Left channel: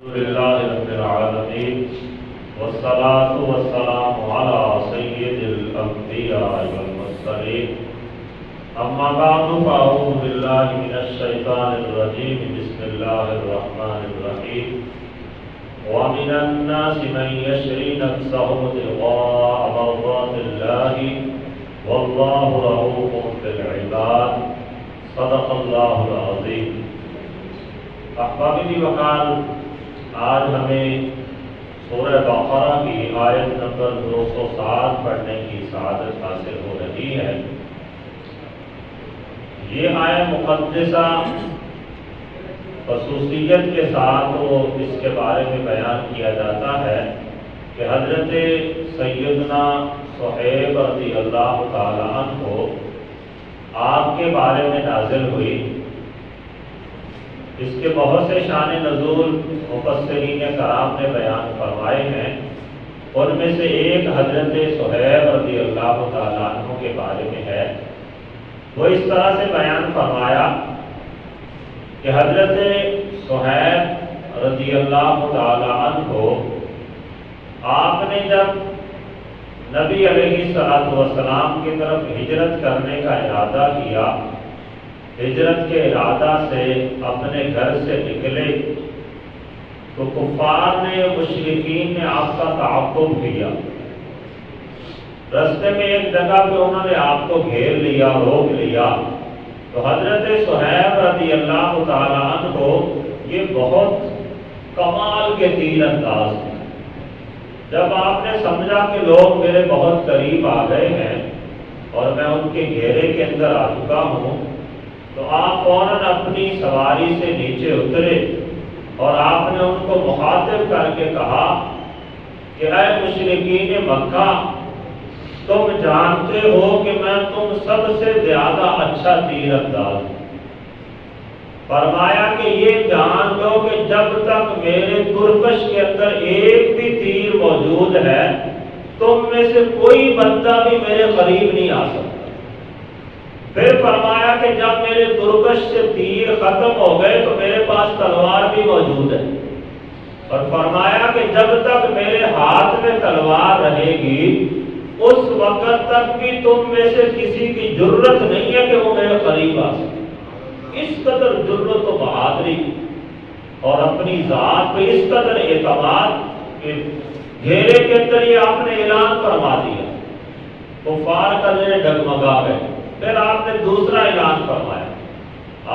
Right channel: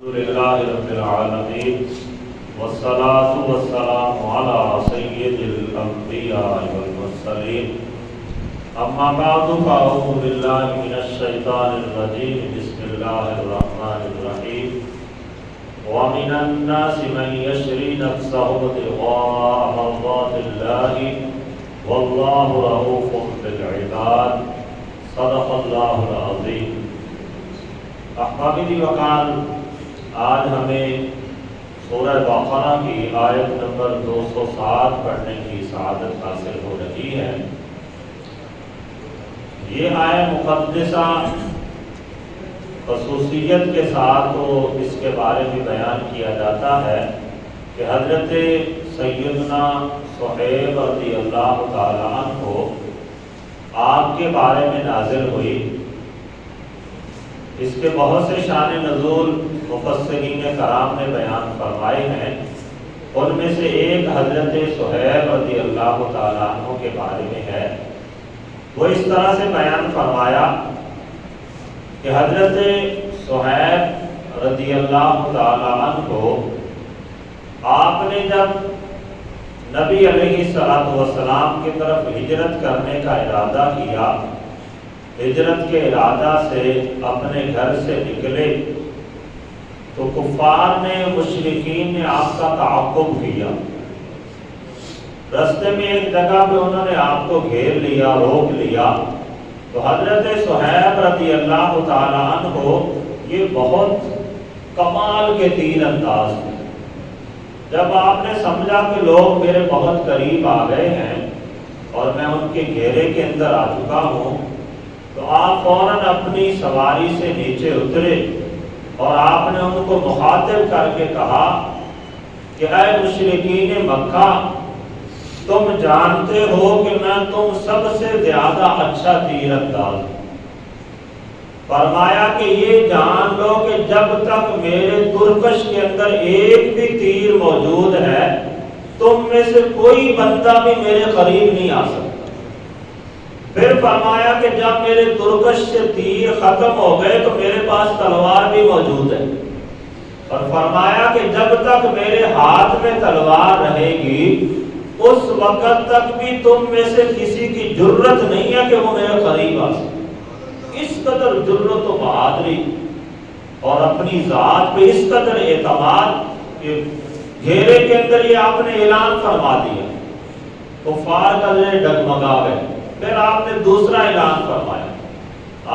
الحمد لله رب العالمين والصلاة والسلام على سيد الأنبياء والمرسلين أما بعد فأعوذ بالله من الشيطان الرجيم بسم الله الرحمن الرحيم ومن الناس من يشري نفسه ابتغاء مرضات الله والله رؤوف بالعباد صدق الله العظيم. احبابی وقال آج ہمیں سورہ بقرہ کی آیت نمبر 207 پڑھنے کی سعادت حاصل ہو رہی ہے. یہ آیت مقدسہ خصوصیت کے ساتھ اس کے بارے میں بیان کیا جاتا ہے کہ حضرت سیدنا صہیب رضی اللہ تعالیٰ عنہ آپ کے بارے میں نازل ہوئی. اس کے بہت سے شان نزول مفسرین کرام نے بیان فرمائے ہیں. ان میں سے ایک حضرت صہیب رضی اللہ تعالیٰ عنہ کے بارے میں ہے. وہ اس طرح سے بیان فرمایا کہ حضرت صہیب رضی اللہ تعالیٰ عنہ آپ نے جب نبی علیہ السلام کی طرف ہجرت کرنے کا ارادہ کیا، ہجرت کے ارادہ سے اپنے گھر سے نکلے تو کفار نے، مشرکین نے آپ کا تعاقب کیا. رستے میں ایک جگہ پہ انہوں نے آپ کو گھیر لیا، روک لیا. تو حضرت صہیب رضی اللہ تعالی عنہ یہ بہت کمال کے تیر انداز تھے. جب آپ نے سمجھا کہ لوگ میرے بہت قریب آ گئے ہیں اور میں ان کے گھیرے کے اندر آ چکا ہوں، تو آپ فوراً اپنی سواری سے نیچے اترے اور آپ نے ان کو مخاطب کر کے کہا کہ اے مشرکین مکہ، تم جانتے ہو کہ میں تم سب سے زیادہ اچھا تیر انداز ہوں. فرمایا کہ یہ جان لو کہ جب تک میرے ترکش کے اندر ایک بھی تیر موجود ہے، تم میں سے کوئی بندہ بھی میرے قریب نہیں آ سکتا. پھر فرمایا کہ جب میرے ترکش سے تیر ختم ہو گئے تو میرے پاس تلوار بھی موجود ہے، اور فرمایا کہ جب تک میرے ہاتھ میں تلوار رہے گی اس وقت تک بھی تم میں سے کسی کی جرت نہیں ہے کہ وہ میرے قریب آ سکے. اس قدر جرت و بہادری اور اپنی ذات پہ اس قدر اعتماد کہ گھیرے کے اندر یہ آپ نے اعلان فرما دیا، کفار کا ذہن ڈگمگا گئے. پھر آپ نے دوسرا اعلان فرمایا.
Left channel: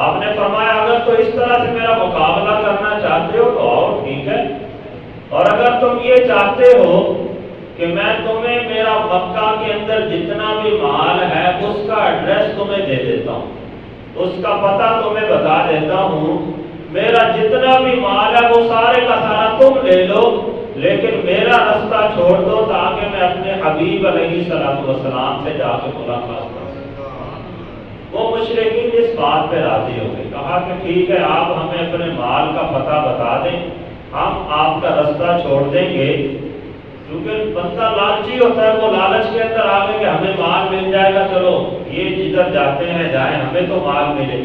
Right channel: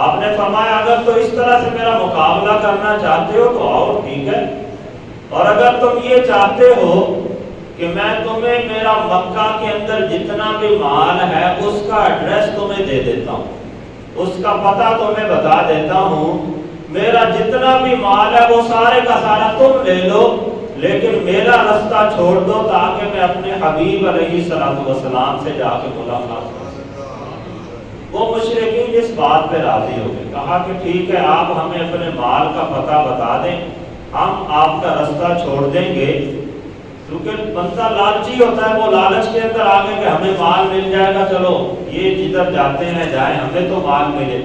آپ نے فرمایا اگر تو اس طرح سے میرا مقابلہ کرنا چاہتے ہو تو آؤ، ٹھیک ہے، اور اگر تم یہ چاہتے ہو کہ میں تمہیں میرا مکہ کے اندر جتنا بھی مال ہے اس کا ایڈریس تمہیں دے دیتا ہوں، اس کا پتہ تمہیں بتا دیتا ہوں، میرا جتنا بھی مال ہے وہ سارے کا سارا تم لے لو، لیکن میرا رستہ چھوڑ دو تاکہ میں اپنے حبیب علیہ السلام سے جا کے ملاقات کروں. وہ مشرکین اس بات پہ راضی ہو گئے. کہا کہ ٹھیک ہے، آپ ہمیں اپنے مال کا پتہ بتا دیں، ہم آپ کا رستہ چھوڑ دیں گے. کیونکہ بندہ لالچی ہوتا ہے، وہ لالچ کے اندر آگے کہ ہمیں مال مل جائے گا، چلو یہ جدھر جاتے ہیں جائیں، ہمیں تو مال ملے.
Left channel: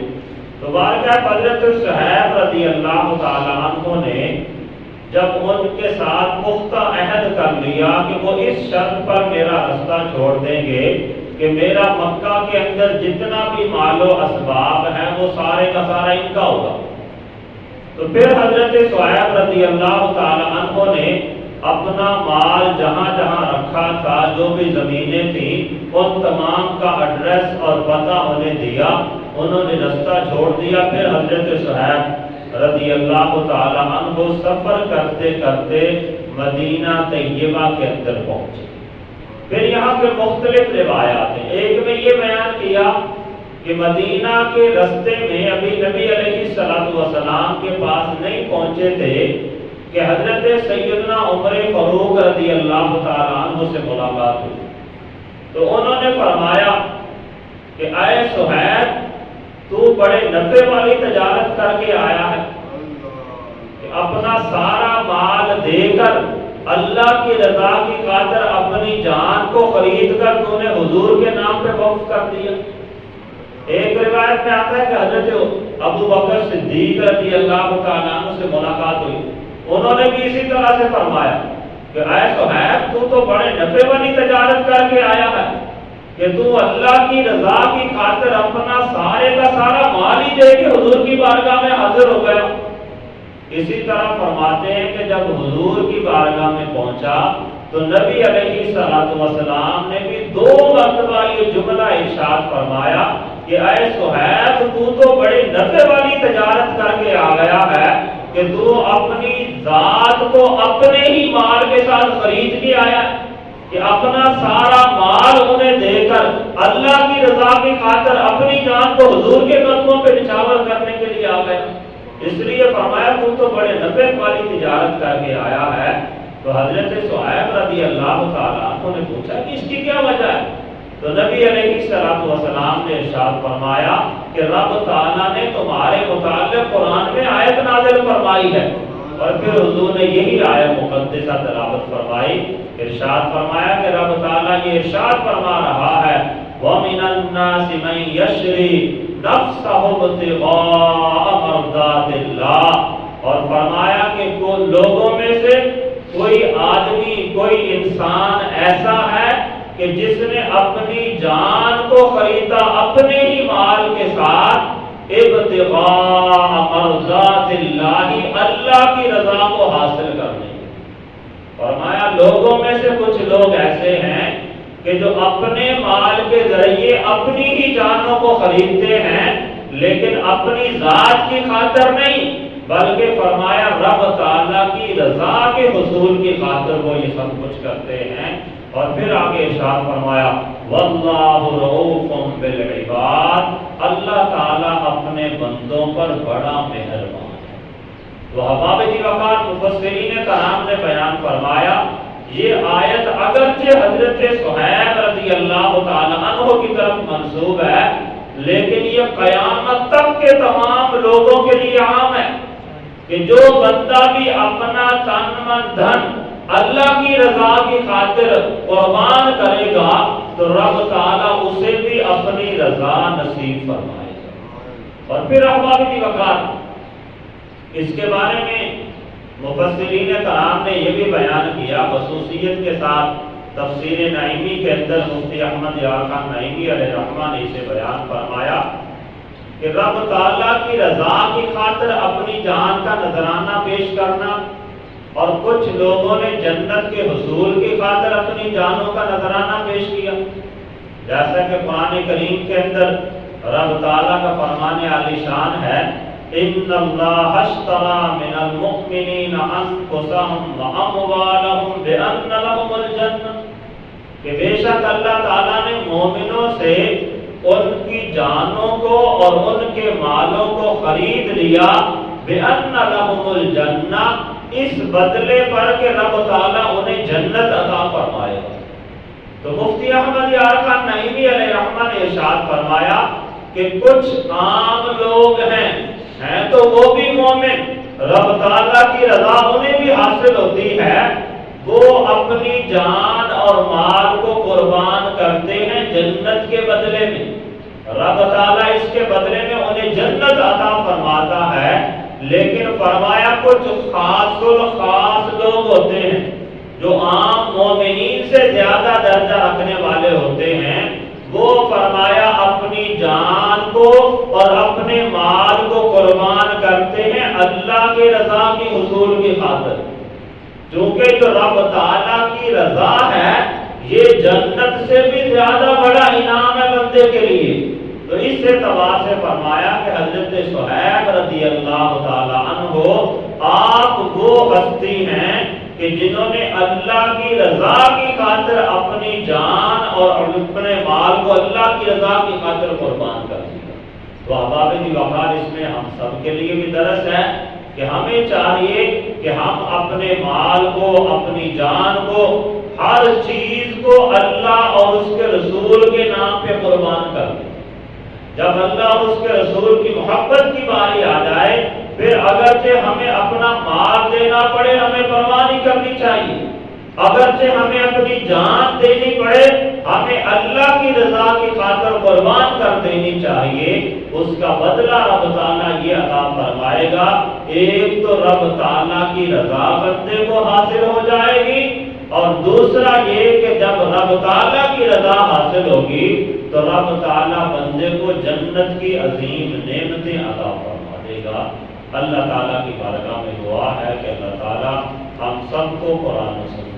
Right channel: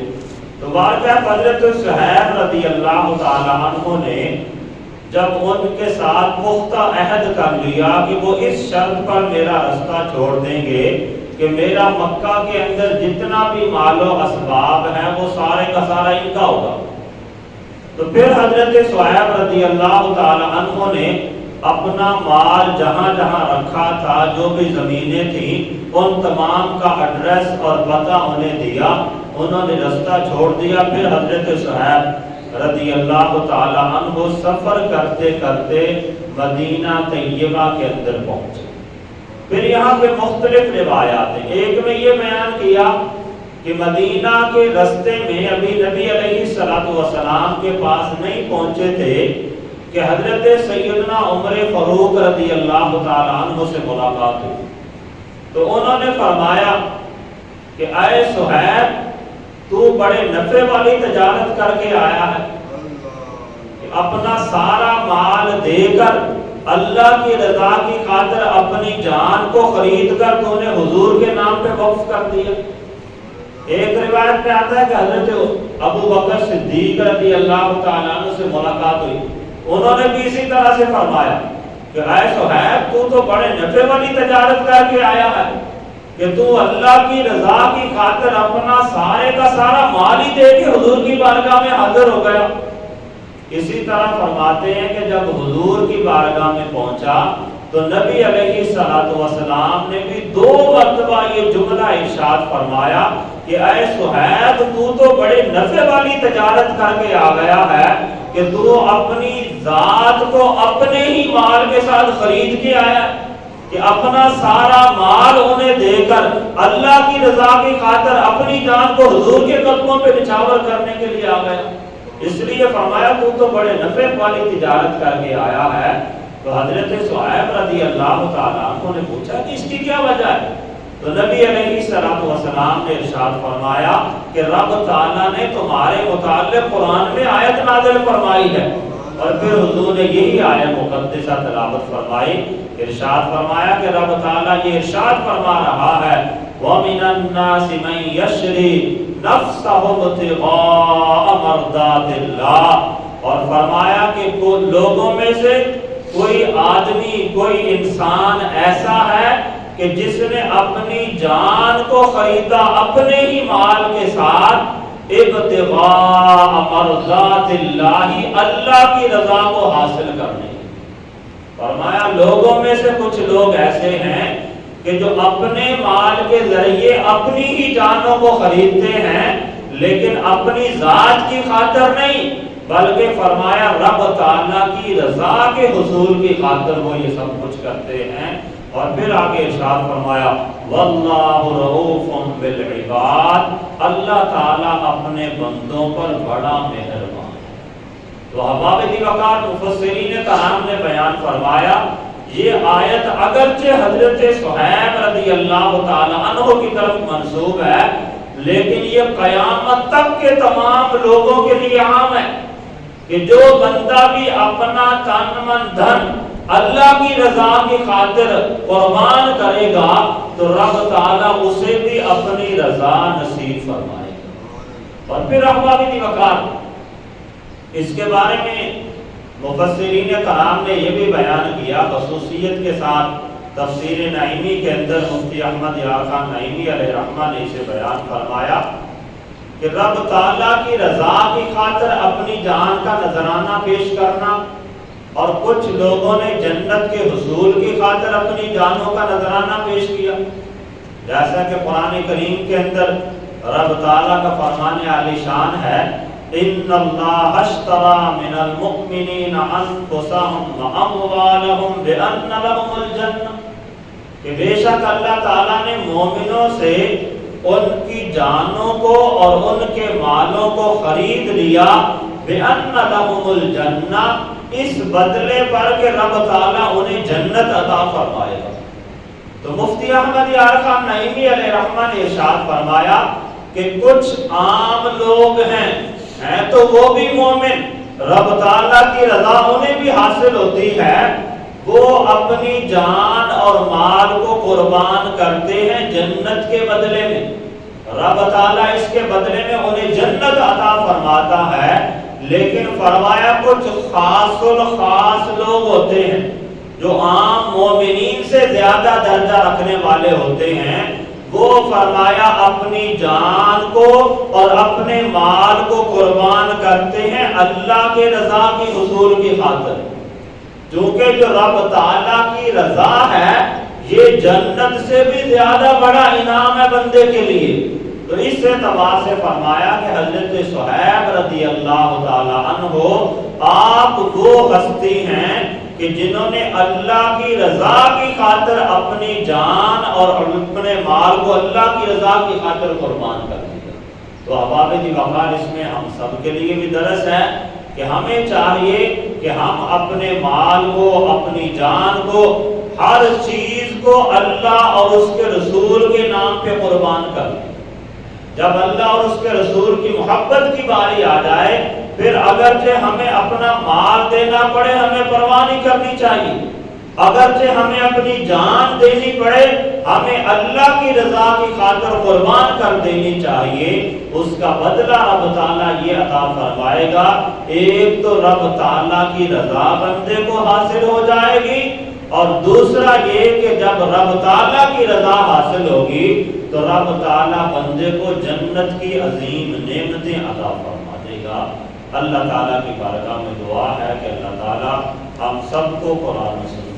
تو واقعہ حضرت صہیب رضی اللہ تعالی عنہ نے جب ان کے ساتھ پختہ عہد کر لیا کہ وہ اس شرط پر میرا رستہ چھوڑ دیں گے کہ میرا مکہ کے اندر جتنا بھی مال و اسباب ہے وہ سارے کا سارا ان کا ہوگا، تو پھر حضرت صہیب رضی اللہ تعالی عنہ نے اپنا مال جہاں جہاں رکھا تھا، جو بھی زمینیں تھیں، ان تمام کا ایڈریس اور پتہ انہیں دیا. انہوں نے رستہ چھوڑ دیا. پھر حضرت صہیب رضی اللہ تعالی عنہ سفر کرتے کرتے مدینہ طیبہ کے اندر پہنچے. پھر یہاں پہ مختلف روایات ہیں. ایک میں یہ بیان کیا کہ مدینہ کے رستے میں ابھی نبی علیہ السلام کے پاس نہیں پہنچے تھے کہ حضرت سیدنا عمر فاروق رضی اللہ تعالی عنہ سے ملاقات ہوئی. تو انہوں نے فرمایا کہ اے صہیب، تو بڑے نفع والی تجارت کر کے آیا ہے کہ اپنا سارا مال دے کر اللہ کی رضا کی خاطر اپنی جان کو خرید کر تو نے حضور کے نام پہ وقف کر دیا. ایک روایت میں آتا ہے کہ حضرت ابو بکر صدیق رضی اللہ تعالیٰ عنہ سے ملاقات ہوئی. انہوں نے بھی اسی طرح سے فرمایا کہ اے صہیب تو تو بڑے نفع والی تجارت کر کے آیا ہے کہ تو اللہ کی رضا کی خاطر اپنا سارے کا سارا مال ہی دے کے حضور کی بارگاہ میں حاضر ہو گیا۔ اسی طرح فرماتے ہیں کہ جب حضور کی بارگاہ میں پہنچا تو نبی علیہ السلام نے بھی 2 مرتبہ یہ جملہ ارشاد فرمایا کہ اے صہیب تو بڑے نفع والی تجارت کر کے آ گیا ہے کہ تو اپنی ذات کو اپنے ہی مال کے ساتھ خرید کے آیا کہ اپنا سارا مال انہیں دے کر اللہ کی رضا کی خاطر اپنی جان کو حضور کے قدموں پہ نچھاور کرنے کے لیے آ گیا۔ اس لیے فرمایا تو بڑے نفع والی تجارت کر کے آیا ہے۔ تو حضرت صہیب رضی اللہ تعالیٰ عنہ نے پوچھا کہ اس کی کیا وجہ ہے؟ تو نبی علیہ السلام نے ارشاد فرمایا کہ رب تعالیٰ نے تمہارے متعلق قرآن میں آیت نازل فرمائی ہے، اور پھر حضور نے یہی آیت مقدسہ تلاوت فرمائی، ارشاد فرمایا کہ رب تعالیٰ یہ ارشاد فرما رہا ہے وَمِنَ النَّاسِ مَن يَشْرِي نَفْسَهُ ابْتِغَاءَ مَرْضَاتِ اللَّهِ، اور فرمایا کہ لوگوں میں سے کوئی آدمی کوئی انسان ایسا ہے کہ جس نے اپنی جان کو خریدا اپنے ہی مال کے ساتھ ابتغاء مرضات اللہ، اللہ کی رضا کو حاصل کرنے۔ فرمایا لوگوں میں سے کچھ لوگ ایسے ہیں کہ جو اپنے مال کے ذریعے اپنی ہی جانوں کو خریدتے ہیں لیکن اپنی ذات کی خاطر نہیں، بلکہ فرمایا رب تعالیٰ کی رضا کے حصول کی خاطر وہ یہ سب کچھ کرتے ہیں۔ اور پھر آگے ارشاد فرمایا واللہ رؤوف بالعباد، اللہ تعالیٰ اپنے بندوں پر بڑا مہربان ہے۔ تو احباب وقار مفسرین کرام نے بیان فرمایا یہ آیت اگرچہ حضرت صہیب رضی اللہ تعالیٰ عنہ کی طرف منسوب ہے لیکن یہ قیامت تک کے تمام لوگوں کے لیے عام ہے کہ جو بندہ بھی اپنا تن من دھن اللہ کی رضا کی خاطر قربان کرے گا تو رب تعالیٰ اسے بھی اپنی رضا نصیب فرمائے گا۔ اور پھر احباب وقار اس کے بارے میں مفسرین کرام نے یہ بھی بیان کیا خصوصیت کے ساتھ، تفسیر نعیمی کے اندر مفتی احمد یار خان نعیمی علیہ رحمہ نے اسے بیان فرمایا کہ رب تعالیٰ کی رضا کی خاطر اپنی جان کا نذرانہ پیش کرنا، اور کچھ لوگوں نے جنت کے حصول کی خاطر اپنی جانوں کا نذرانہ پیش کیا، جیسا کہ قرآن کریم کے اندر رب تعالیٰ کا فرمان عالی شان ہے ان اللہ اشتری من المؤمنین انفسهم واموالهم بان لهم الجنہ، کہ بے شک اللہ تعالیٰ نے مومنوں سے ان کی جانوں کو اور ان کے مالوں کو خرید لیا بان لهم الجنہ، اس بدلے پر کہ رب تعالیٰ انہیں جنت عطا فرمائے گا۔ تو مفتی احمد یار خان نعیمی علیہ رحمہ نے ارشاد فرمایا کہ کچھ عام لوگ ہیں تو وہ بھی مومن، رب تعالیٰ کی رضا انہیں بھی حاصل ہوتی ہے، وہ اپنی جان اور مال کو قربان کرتے ہیں جنت کے بدلے میں، رب تعالیٰ اس کے بدلے میں انہیں جنت عطا فرماتا ہے۔ لیکن فرمایا کچھ خاص الخاص لوگ ہوتے ہیں جو عام مومنین سے زیادہ درجہ رکھنے والے ہوتے ہیں، وہ فرمایا اپنی جان کو اور اپنے مال کو قربان کرتے ہیں اللہ کے رضا کی حصول کی خاطر، کیونکہ جو رب تعالیٰ کی رضا ہے یہ جنت سے بھی زیادہ بڑا انعام ہے بندے کے لیے۔ تو اس اعتبار سے فرمایا کہ حضرت صہیب رضی اللہ تعالی عنہ آپ وہ ہستی ہیں کہ جنہوں نے اللہ کی رضا کی خاطر اپنی جان اور اپنے مال کو اللہ کی رضا کی خاطر قربان کر دیا۔ تو احباب وقار اس میں ہم سب کے لیے بھی درس ہے کہ ہمیں چاہیے کہ ہم اپنے مال کو اپنی جان کو ہر چیز کو اللہ اور اس کے رسول کے نام پہ قربان کر دیں۔ جب اللہ اور اس کے رسول کی محبت کی باری آ جائے پھر اگرچہ ہمیں اپنا مال دینا پڑے ہمیں پرواہ نہیں کرنی چاہیے، اگرچہ ہمیں اپنی جان دینی پڑے، ہمیں اللہ کی رضا کی خاطر قربان کر دینی چاہیے، اس کا بدلہ رب تعالیٰ یہ عطا فرمائے گا۔ ایک تو رب تعالیٰ کی رضا بندے کو حاصل ہو جائے گی، اور دوسرا یہ کہ جب رب تعالیٰ کی رضا حاصل ہوگی تو رب تعالیٰ بندے کو جنت کی عظیم نعمتیں عطا فرما دے گا۔ اللہ تعالیٰ کی بارگاہ میں دعا ہے کہ اللہ تعالیٰ ہم سب کو قرآن و سنت